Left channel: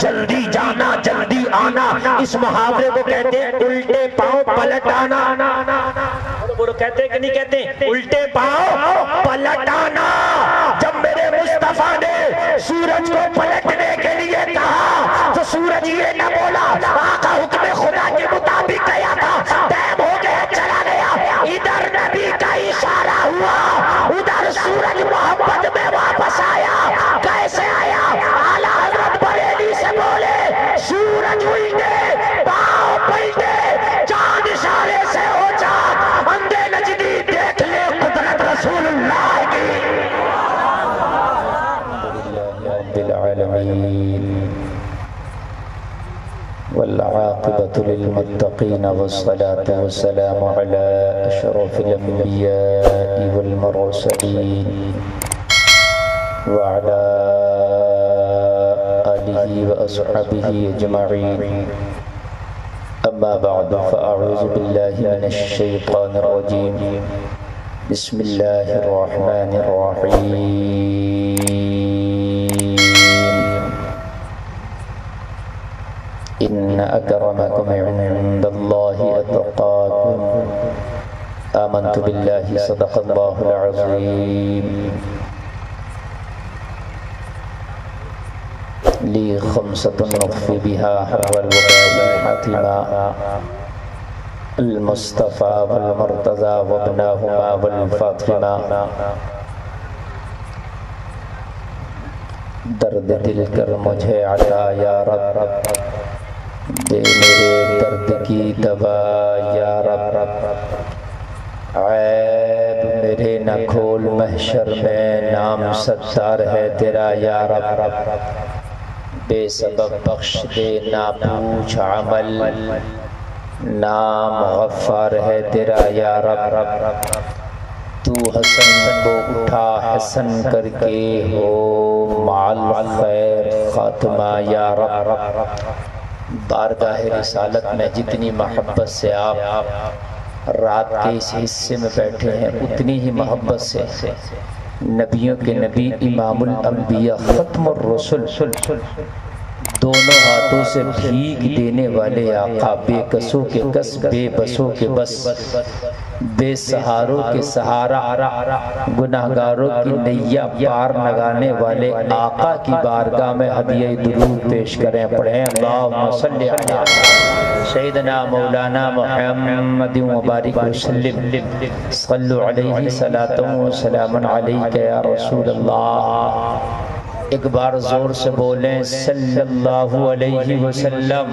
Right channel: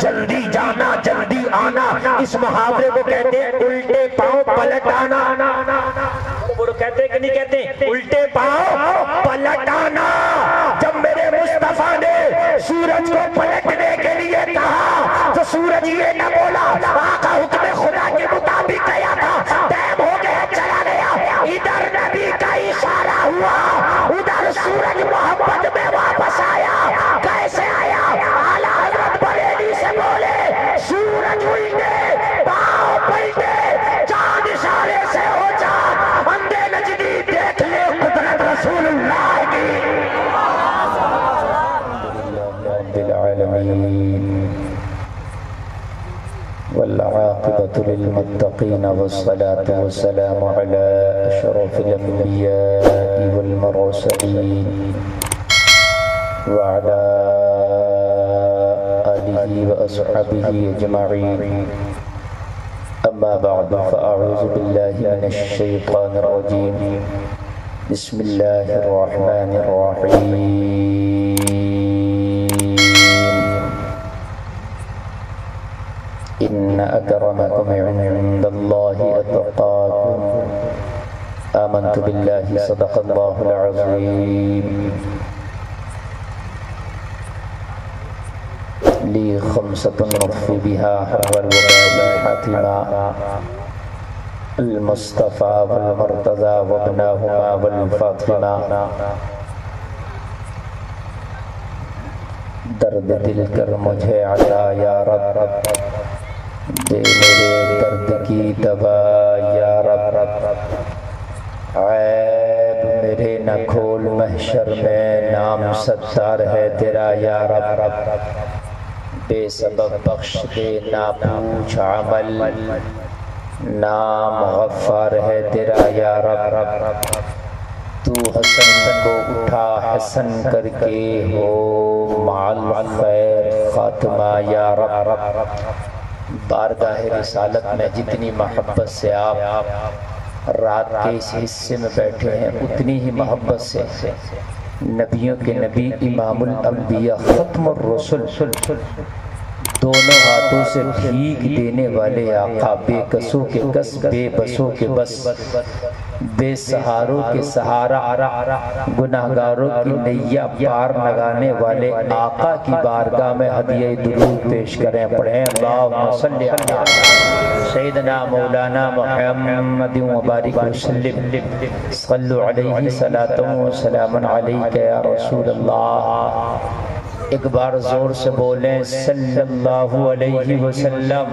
جلدی جانا جلدی آنا، اس محاورے کو کہتے ہیں الٹے پاؤں پلٹ آنا۔ وہ کہتے ہیں کہ نہیں کہتے؟ الٹے پاؤں پلٹ آنا۔ جب میرے مصطفیٰ نے سورج کو پلٹنے کے لیے کہا تو سورج یہ نہ بولا، آقا حکم خدا کے مطابق گیا تھا، ٹائم ہو گیا چلا گیا۔ ادھر نبی کا اشارہ ہوا، ادھر سورج محبت میں واپس آیا۔ کیسے آیا؟ اعلیٰ حضرت بریلی سے بولے سورج الٹے پاؤں پلٹے، چاند اشارے سے ہو جا، اندھے نجدی دیکھ لے قدرت رسول اللہ کی۔ رب العالمین والعاقبة للمتقين والصلاة والسلام على أشرف الأنبياء والمرسلين وعلى آله وأصحابه أجمعين، أما بعد فأعوذ بالله من الشيطان الرجيم، بسم الله الرحمن الرحيم۔ إن أكرمكم عند الله أتقاكم، آمنت بالله صدق الله العظيم۔ لي خمسة نطفي بها حول الوباء حاتما، المصطفى والمرتضى وابناهما والفاطمة۔ درد دل کر مجھے عطا یا رب، دے میرے درد کی دوا یا رب، عیب میرے نہ کھول محشر میں، نام ستار ہے تیرا یا رب، بے سبب بخش دے نہ پوچھ عمل، نام غفار ہے تیرا یا رب، تو حسن کو اٹھا حسن کر کے ہو مع الخیر خاتمہ یا رب۔ بارگاہ رسالت میں جتنی محبت سے آپ رات کے اس حصے میں بیٹھے ہیں، اتنی ہی محبت سے نبیوں کے نبی امام الانبیاء ختم الرسل، دونوں ہاتھوں سے بھیگ دینے والے آقا، بے کسوں کے کس، بے بسوں کے بس، بے سہاروں کے سہارا، گناہگاروں کی نیا پار لگانے والے آقا کی بارگاہ میں ہدیہ درود پیش کریں، پڑھیں اللہم صلی علی سیدنا مولانا محمد وبارک وسلم، صلو علیہ صلاۃ و سلام علیک یا رسول اللہ۔ ایک بار زور سے بولیں صلی اللہ علیہ وسلم،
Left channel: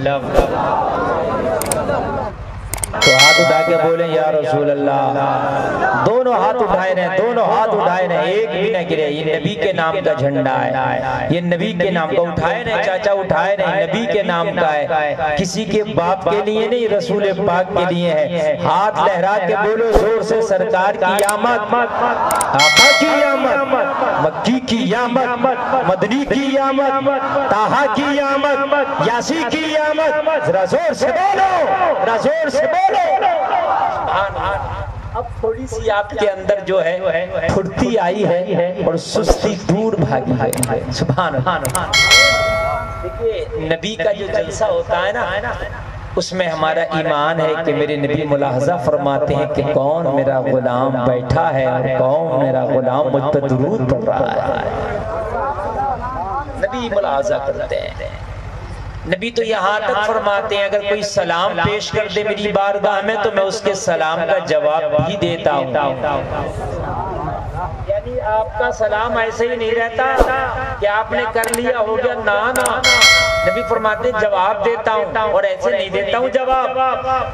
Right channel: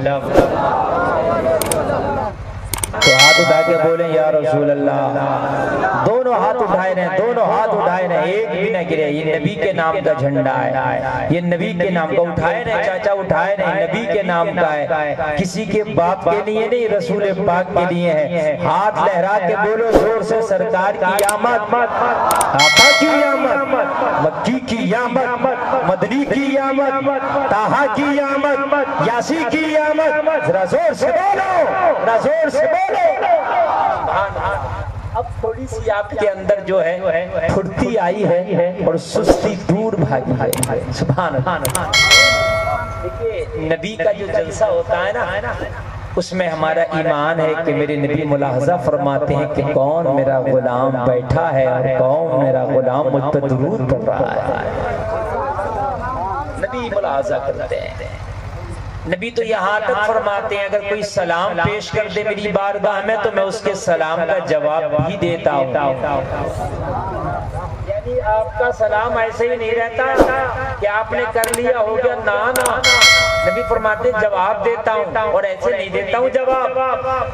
تو ہاتھ اٹھا کے بولیں یا رسول اللہ۔ دونوں ہاتھ اٹھائے رہے، دونوں ہاتھ اٹھائے رہے، ایک بھی نہ گرے۔ یہ نبی کے نام کا جھنڈا ہے، یہ نبی کے نام کا اٹھائے رہے، چاچا اٹھائے رہے، نبی کے نام کا ہے، کسی کے باپ کے لیے نہیں، رسول پاک کے لیے ہے۔ ہاتھ لہرا کے بولو زور سے سرکار کی آمد، آقا کی آمد، مکی کی آمد، مدنی کی آمد، طٰہٰ کی آمد، یاسی کی آمد، ذرا زور سے بولو، ذرا زور سے بولو۔ اب تھوڑی سی آپ کے اندر جو ہے پھرتی آئی ہے اور سستی دور بھاگی ہے، سبحان اللہ۔ دیکھئے نبی کا جو جلسہ ہوتا ہے نا، اس میں ہمارا ایمان ہے کہ میرے نبی ملاحظہ فرماتے ہیں کہ کون میرا غلام بیٹھا ہے اور کون میرا غلام مجھ پر درود پڑھ رہا ہے۔ نبی ملاحظہ کرتے ہیں، نبی تو یہاں تک فرماتے ہیں اگر کوئی سلام پیش کر دے میری بارگاہ میں تو میں اس کے سلام کا جواب بھی دیتا ہوں۔ یعنی آپ کا سلام ایسے ہی نہیں رہتا کہ آپ نے کر لیا ہو گیا، نا نا، نبی فرماتے ہیں جواب دیتا ہوں، اور ایسے نہیں دیتا ہوں جواب۔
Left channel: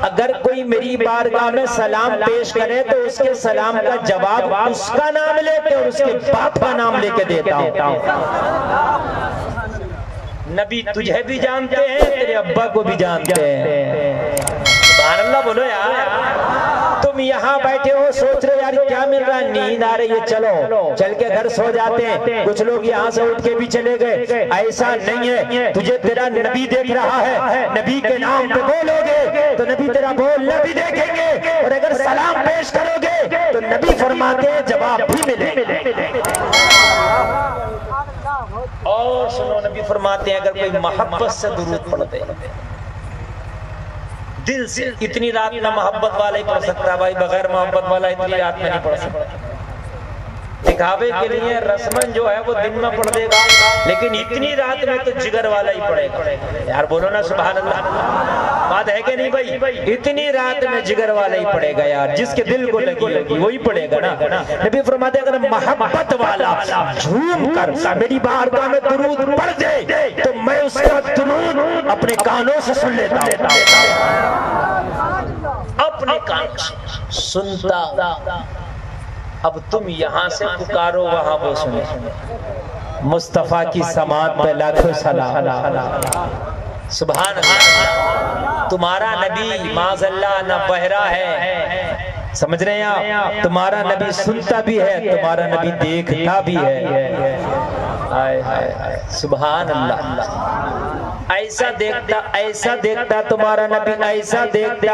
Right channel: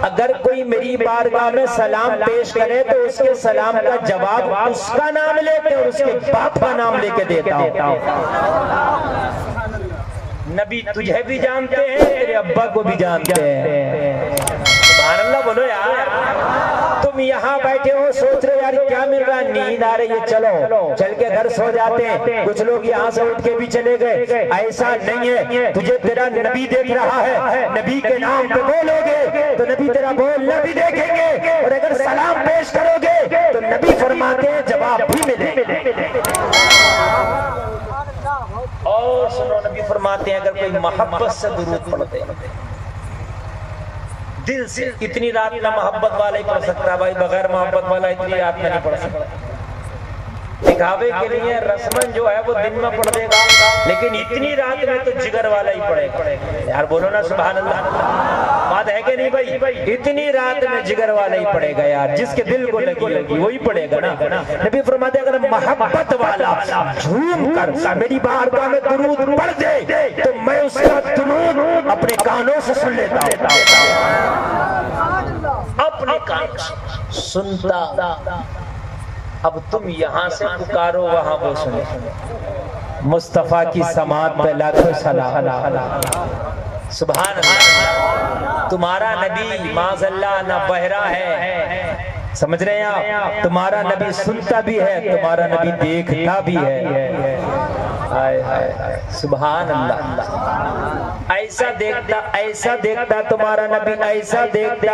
اگر کوئی میری بارگاہ میں سلام پیش کرے تو اس کے سلام کا جواب اس کا نام لے کے اور اس کے باپ کا نام لے کے دیتا ہوں۔ نبی تجھے بھی جانتے ہیں، تیرے ابا کو بھی جانتے ہیں، سبحان اللہ بولو یار۔ تم یہاں بیٹھے ہو سوچ رہے یار کیا مل رہا ہے، نیند آ رہی ہے، چلو چل کے گھر سو جاتے ہیں، کچھ لوگ یہاں سے اٹھ کے بھی چلے گئے، ایسا نہیں ہے، تجھے تیرا نبی دیکھ رہا ہے، نبی کے نام پہ بولو گے تو نبی تیرا بولنا بھی دیکھیں گے، اور اگر سلام پیش کرو گے تو نبی فرماتے ہیں جواب بھی ملے۔ اور سنو نبی فرماتے ہیں اگر کوئی محبت سے درود پڑھ دے دل سے، اتنی رات میں محبت والا ہی پڑھ سکتا ہے بھائی، بغیر محبت والا اتنی رات میں نہیں پڑھ سکتا. دکھاوے کے لیے رسمن جو ہے وہ دن میں پڑھ دے گا، لیکن اتنی رات میں تو جگر والا ہی پڑھے گا. یار بولو نا سبحان اللہ، بات ہے کہ نہیں بھائی؟ اتنی رات میں جگر والا ہی پڑھے گا یار، جس کے دل کو لگی وہی پڑھے گا نا. نبی فرماتے ہیں اگر محبت والا جھوم کر میری بارگاہ میں درود پڑھ دے تو میں اس کا درود اپنے کانوں سے سن لیتا اپنے کانوں سے سنتا. اب تم یہاں سے پکارو وہاں وہ سنے. مصطفیٰ کی سماعت پہ لاکھوں سلام. سبحان اللہ. تمہارا نبی معاذ اللہ نہ بہرا ہے، سمجھ رہے ہیں آپ؟ تمہارا نبی سنتا بھی ہے، تمہارا نبی دیکھتا بھی ہے. سبحان اللہ. ایسا دیکھتا تمہارا نبی، ایسا دیکھتا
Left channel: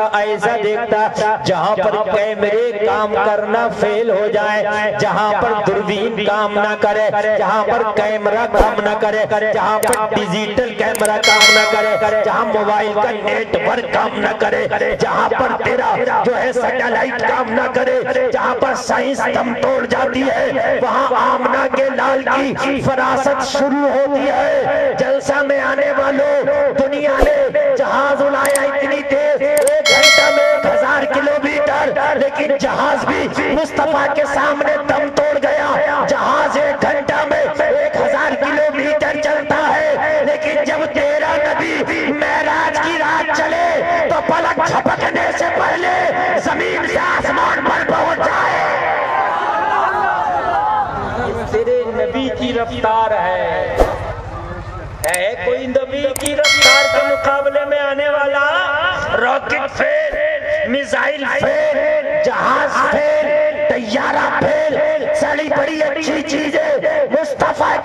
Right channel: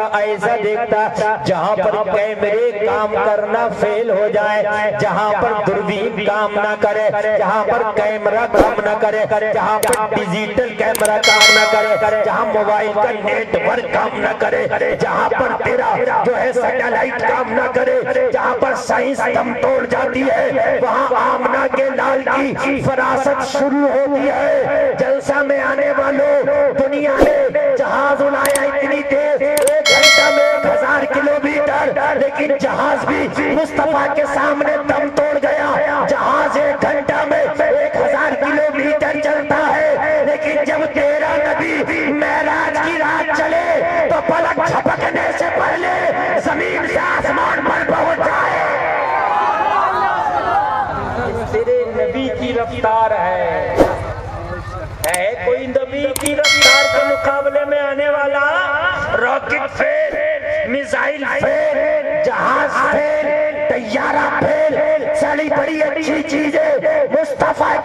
جہاں پر کیمرے کام کرنا فیل ہو جائے، جہاں پر دوربین کام نہ کرے، جہاں پر کیمرہ کام نہ کرے، جہاں پر ڈیجیٹل کیمرہ کام نہ کرے، جہاں موبائل کا نیٹ ورک کام نہ کرے، جہاں پر تیرا جو ہے سیٹلائٹ کام نہ کرے، جہاں پر سائنس دم توڑ جاتی ہے، وہاں آمنہ کے لال کی فراست شروع ہوتی ہے. جلسہ میں آنے والوں دنیا میں جہاز اڑایا اتنی تیز 1 گھنٹہ میں 1000 کلومیٹر، لیکن جہاز بھی مصطفیٰ کے سامنے دم توڑ گیا. جہاز 1 گھنٹہ میں 1000 کلومیٹر چلتا ہے، لیکن جب تیرا نبی معراج کی رات چلے تو پلک جھپکنے سے پہلے زمین سے آسمان پر پہنچ جائے. تیرے نبی کی رفتار ہے کوئی نبی کی رفتار کے مقابلے میں آنے والا؟ راکٹ فیل، میزائل فیل، جہاز فیل، طیارہ فیل، ساری بڑی اچھی چیزیں مصطفیٰ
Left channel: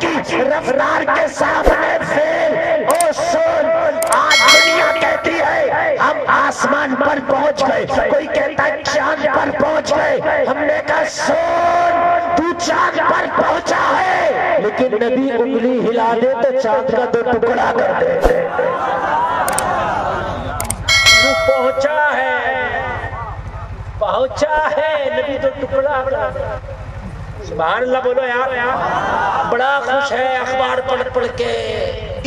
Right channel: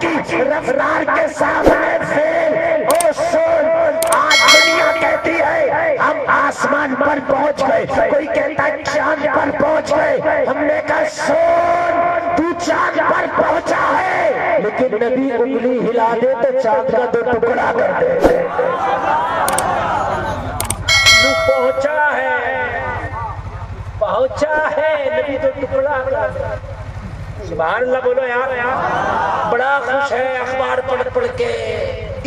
کی رفتار کے سامنے فیل. او سن، آج دنیا کہتی ہے ہم آسمان پر پہنچ گئے، کوئی کہتا ہے چاند پر پہنچ گئے. ہم نے کہا سن، تو چاند پر پہنچا ہے، لیکن نبی انگلی ہلا دے تو چاند کا 2 ٹکڑا کر دے. تو پہنچا ہے نبی 2 ٹکڑا کر دے. سبحان اللہ بولو یار. بڑا خوش ہے اخبار پڑھ کے،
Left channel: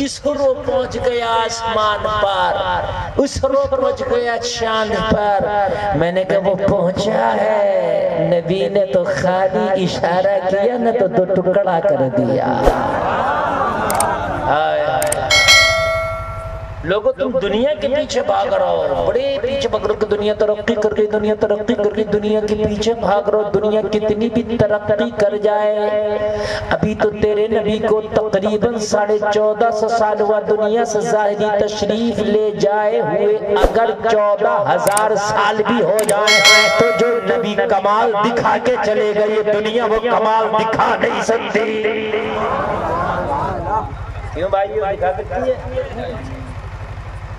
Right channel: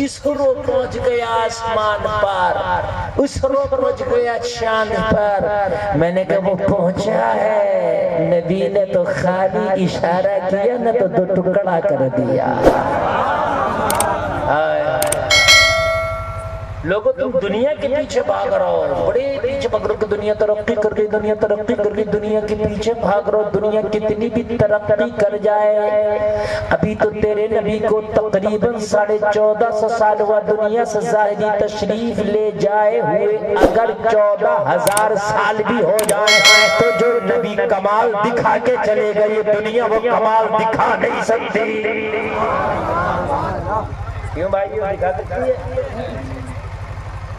اس کو پہنچ گیا آسمان پر، اس کو پہنچ گیا چاند پر. میں نے کہا وہ پہنچا ہے، نبی نے تو خالی اشارہ کیا نہ تو 2 ٹکڑا کر دیا. لوگوں تم دنیا کے پیچھے بھاگ رہا ہو، بڑے پیچھے بھاگ رہا ہو کہ دنیا ترقی کر گئی، دنیا ترقی کر گئی. دنیا کے پیچھے بھاگ رہا ہو، دنیا کتنی بھی ترقی کر جائے، ابھی تو تیرے نبی کو تقریباً 1450 سال ہوا دنیا سے ظاہری تشریف لے جائے ہوئے. اگر 14,000 سال بھی ہو جائے تو جو نبی کمال دکھا کے چلے گئے، یہ دنیا وہ کمال دکھا نہیں سکتی. کیوں بھائی دکھا سکتی ہے؟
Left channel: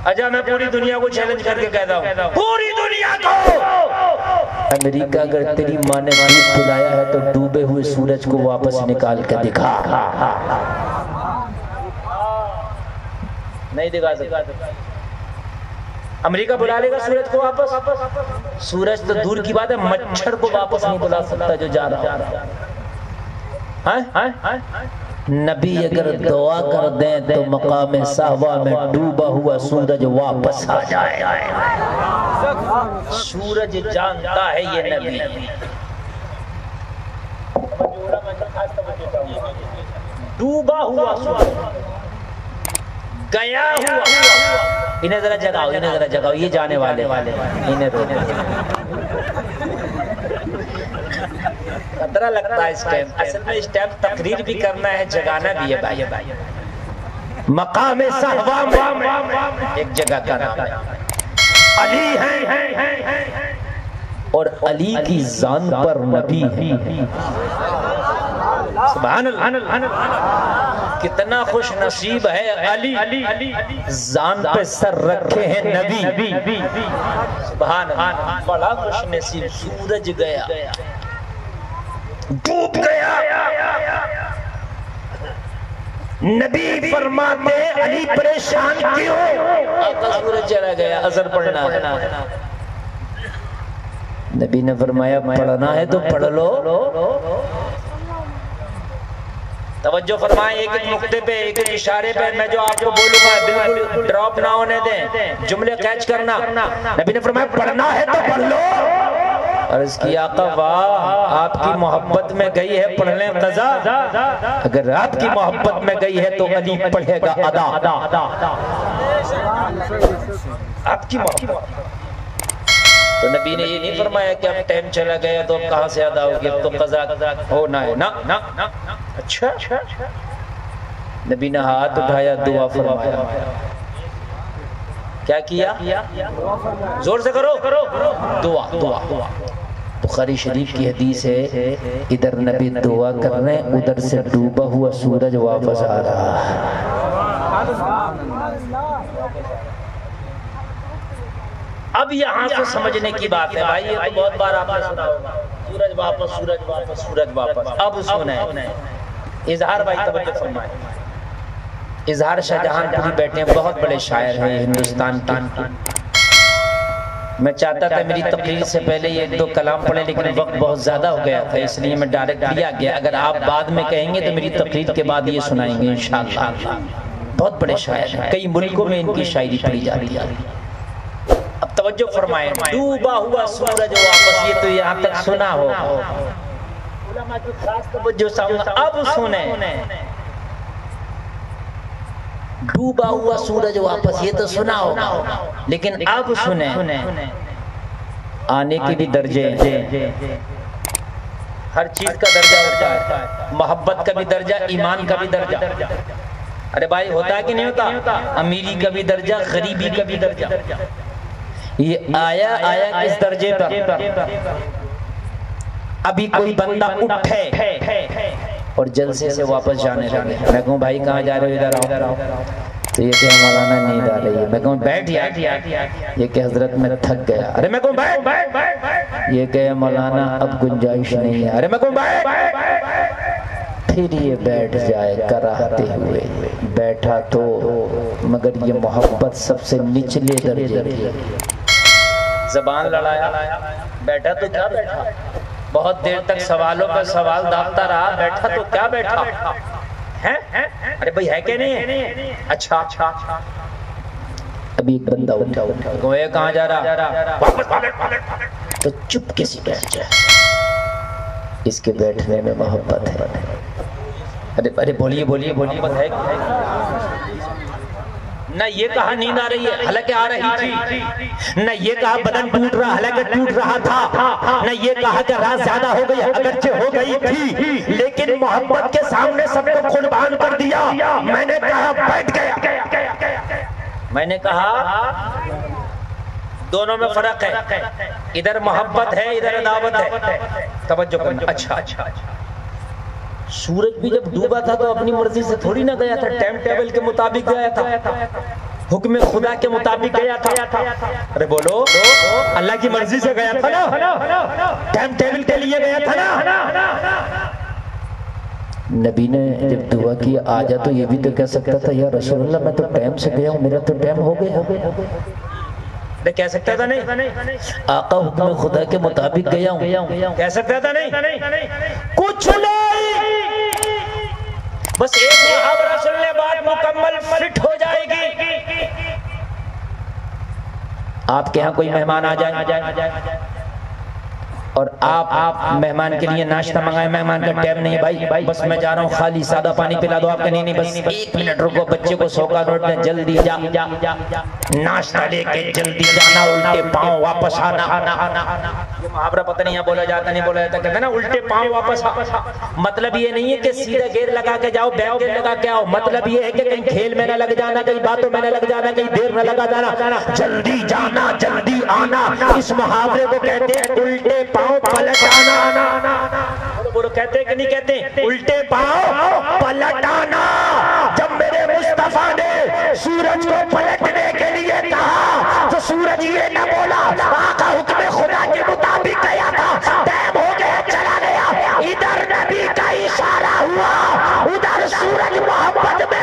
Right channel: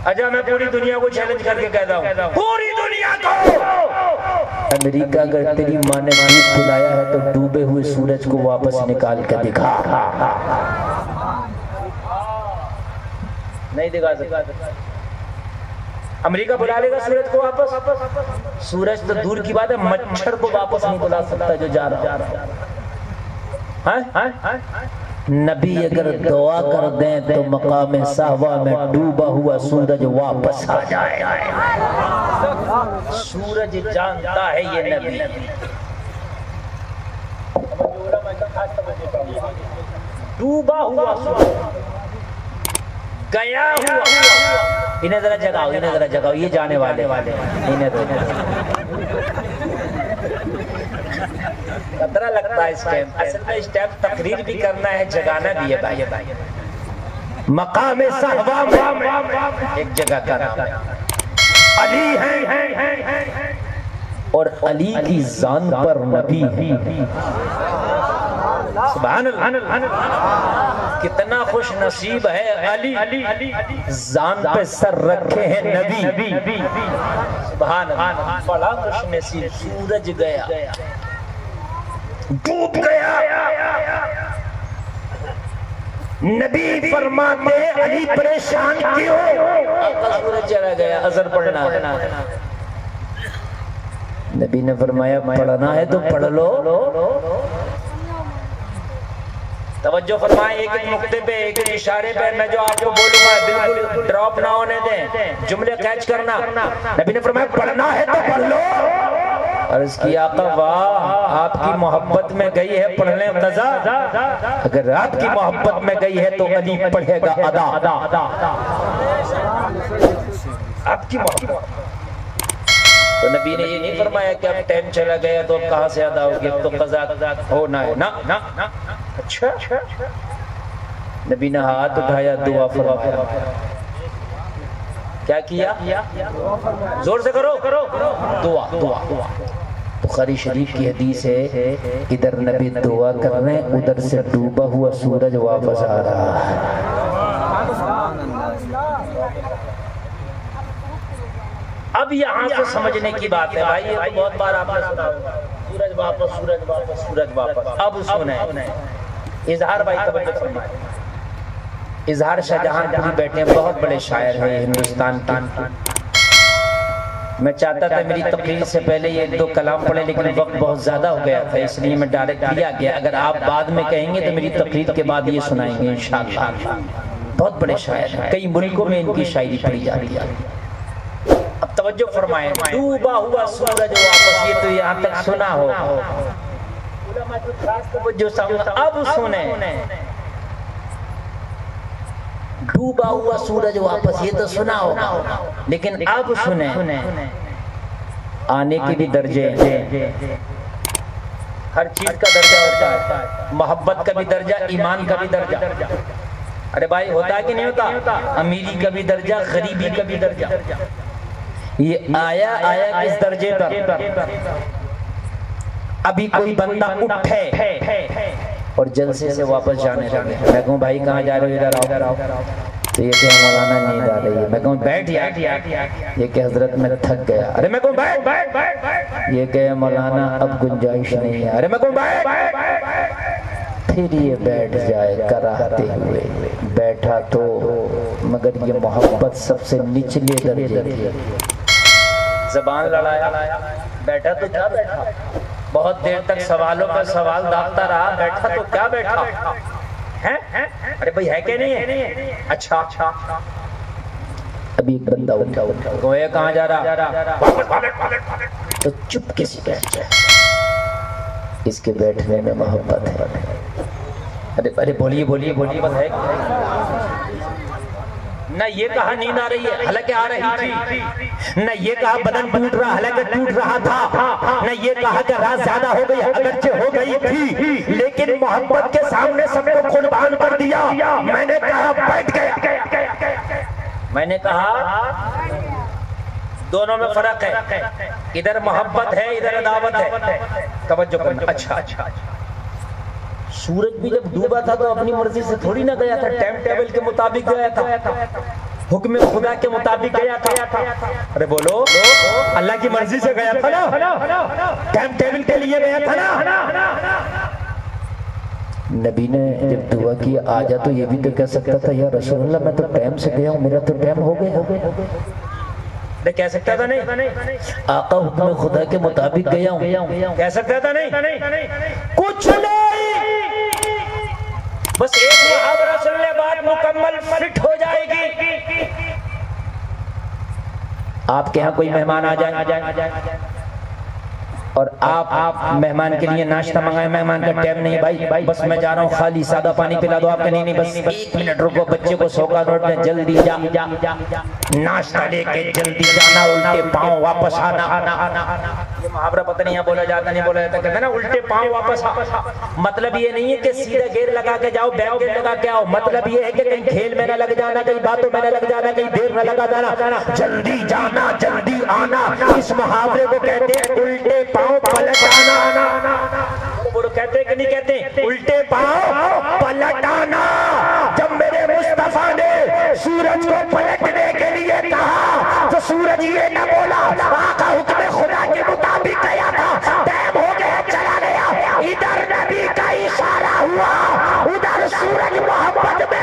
اجا میں پوری دنیا کو چیلنج کر کے کہتا ہوں، پوری دنیا کو، امریکہ اگر تیری ماں نے بلایا ہے تو ڈوبے ہوئے سورج کو واپس نکال کے دکھا. نہیں دکھا سکتا. امریکہ بلا لے گا سورج کو واپس؟ سورج تو دور کی بات ہے، مچھر کو واپس نہیں بلا سکتا جو جا رہا ہے. نبی اگر دعا کر دیں تو مقام صحوہ میں ڈوبا ہوا سورج واپس آ جائے. سورج جانتا ہے یہ نبی. ڈوبا ہوا سورج، گیا ہوا. انہیں ذرا جگاؤ، یہ جانے والے انہیں خطرہ لگتا ہے اس ٹائم. اصل میں اس ٹائم تقریر بھی کرنا ہے، جگانا بھی ہے بھائی. مقام صحوہ میں ایک جگہ کا رہا ہے، علی ہے اور علی کی زان پر نبی ہے. سبحان اللہ. کتنا خوش نصیب ہے علی، زان پہ سر رکھے ہیں نبی. سبحان اللہ. بڑا خوش نصیب. سورج گیا، ڈوب گیا، نبی فرماتے علی پریشان کیوں؟ سورج چلا گیا، اثر پڑھنا ہے۔ نبی نے فرمایا پڑھنا ہے تو پڑھ لو۔ توجہ فرمائیں ایک ایک نقطے پہ، ایک ایک اشارے پہ، میں جو آپ کو بولوں گا بالکل ڈراپ نہ ہونے دیں، جملے کیچ کرنا۔ نبی نے فرمایا پڑھنا ہے تو پڑھ لو۔ اور اس کی آقا واہ، آپ کی محبت میں گئی ہے پڑھنے قضا، اگر آپ کی محبت میں گئی ہے تو علی پڑھے گا ادا۔ آپ کی محبت تو نبی نے یہ نہیں فرمایا کہ اب ٹائم چلا گیا تو اب کہاں سے ادا ہوگی، اب تو قضا ہونا ہے نا۔ اچھا، نبی نے ہاتھ اٹھایا، دعا فرمایا۔ کیا کیا؟ زور سے کرو، دعا۔ بخاری شریف کی حدیث ہے، ادھر نبی دعا کر رہے ہیں، ادھر سے ڈوبا ہوا سورج واپس آ رہا ہے۔ اب یہاں سے سمجھنے کی بات ہے بھائی، یہ تو بہت بار آپ نے سنا ہوگا، سورج واپس، سورج واپس، سورج واپس۔ اب سنیں اظہار بھائی، توجہ فرمائیں۔ اظہار شاہ جہاں پوری بیٹھے ہیں، بہت بڑے شاعر ہیں ہندوستان کے۔ میں چاہتا تھا میری تقریر سے پہلے یہ دو کلام پڑھے، لیکن وقت بہت زیادہ ہو گیا تھا، اس لیے میں ڈائریکٹ لیا گیا۔ اگر آپ بعد میں کہیں گے تو میری تقریر کے بعد یہ سنائیں گے انشاءاللہ۔ بہت بڑے شاعر ہیں، کئی ملکوں میں ان کی شاعری پڑھی جاتی ہے۔ اب توجہ فرمائیں، ڈوبا ہوا سورج واپس، یہ تو یہاں تک سنا ہو، علماء کی خاص توجہ سامنے۔ اب سنیں، ڈوبا ہوا سورج واپس، یہ تو سنا ہو، لیکن اب سنیں، آنے کے بھی درجے، ہر چیز کا درجہ ہوتا ہے، محبت کا بھی درجہ، ایمان کا بھی درجہ۔ ارے بھائی ہوتا ہے کہ نہیں ہوتا؟ امیری کا بھی درجہ، غریبی کا بھی درجہ۔ یہ آیا کس درجے پر؟ ابھی کوئی بندہ اٹھے اور جلسے سے واپس جانے لگے، میں کہوں بھائی کہاں جا رہے ہو؟ ادھر آؤ۔ تو یہ کہ مولانا نیند آ رہی ہے، میں کہوں بیٹھ یار، یہ کہ حضرت میں تھک گیا، ارے میں کہوں بیٹھ، یہ کہ مولانا اب گنجائش نہیں ہے، ارے میں کہوں بیٹھ، پھر یہ بیٹھ جائے کراہتے ہوئے، بیٹھا تو مگر یہ محبت سب سے نچلے درجے کی، زبان لڑایا، بیٹھا تو کیا بیٹھا، بہت دیر تک سوالوں پر سوال داغتا رہا، بیٹھا تو کیا بیٹھا ہے؟ ارے بھائی ہے کہ نہیں ہے؟ اچھا، ابھی ایک بندہ اٹھا، گویا کہاں جا رہا؟ تو چپ کسی بیٹھ جائے، اس کے بیٹھنے میں محبت ہے۔ ارے بولیے بس ہے نہ یہ کہا نیند آ رہی ہے، حالانکہ آ رہی تھی، نہ یہ کہا بدن ٹوٹ رہا، حالانکہ ٹوٹ رہا تھا، نہ یہ کہا کہ رات زیادہ ہو گئی، اگرچہ ہو گئی تھی، لیکن محبت کے سامنے سب کو قربان کر دیا۔ میں نے کہا بیٹھ گیا، میں نے کہا دونوں میں فرق ہے، ادھر محبت ہے، ادھر عداوت ہے۔ توجہ کرنا۔ اچھا، سورج بھی جب ڈوبا تھا تو اپنی مرضی سے تھوڑی نہ گیا تھا، ٹائم ٹیبل کے مطابق گیا تھا، حکم خدا کے مطابق گیا تھا۔ ارے بولو، اللہ کی مرضی سے گیا تھا نا، ٹائم ٹیبل کے لیے گیا تھا نا۔ نبی نے جب دعا کی آجا تو یہ بھی تو کہہ سکتا تھا یا رسول اللہ میں تو ٹائم سے گیا ہوں، میرا تو ٹائم ہو گیا، کہہ سکتا تھا نہیں؟ آقا حکم خدا کے مطابق گیا ہوں، کہہ سکتا تھا نہیں؟ کچھ نہیں، بس ایک محاورہ سن لے، بات مکمل فٹ ہو جائے گی۔ آپ کے ہاں کوئی مہمان آ جائے اور آپ مہمان کے لیے ناشتہ منگائیں، مہمان کا ٹائم نہیں ہے بھائی، بس میں جا رہا ہوں، خالی سادہ پانی پلا دو، آپ کا نہیں، بس 1 منٹ رکو، بچے کو 100 کا نوٹ دیں، جلدی جا، ناشتہ لے کے جلدی جانا، الٹے پاؤں واپس آنا۔ یہ محاورہ پتہ نہیں بولا جاتا نہیں بولا جاتا، کہتے ہیں نا الٹے پاؤں واپس آ۔ مطلب یہ نہیں ہے کہ سیدھا گیئر لگا کے جاؤ، بیک گیئر لگا کے آؤ، مطلب یہ ہے کہ کہیں کھیل میں نہ لگ جانا، کہیں باتوں میں نہ لگ جانا، کہیں دیر نہ لگا جانا، جلدی جانا جلدی آنا۔ اس محاورے کو کہتے ہیں الٹے پاؤں پلٹ آنا۔ بولو کہتے ہیں کہ نہیں کہتے؟ الٹے پاؤں پلٹ آنا۔ جب میرے مصطفیٰ نے سورج کو پلٹنے کے لیے کہا تو سورج یہ نہ بولا، آقا حکم خدا کے مطابق گیا تھا، ٹائم ہو گیا چلا گیا۔ ادھر نبی کا اشارہ ہوا، ادھر سورج محبت میں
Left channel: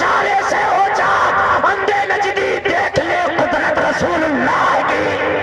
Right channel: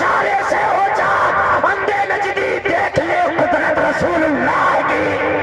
اشارے سے ہو جا اندھے نجدی دیکھ لے قدرت رسول اللہ کی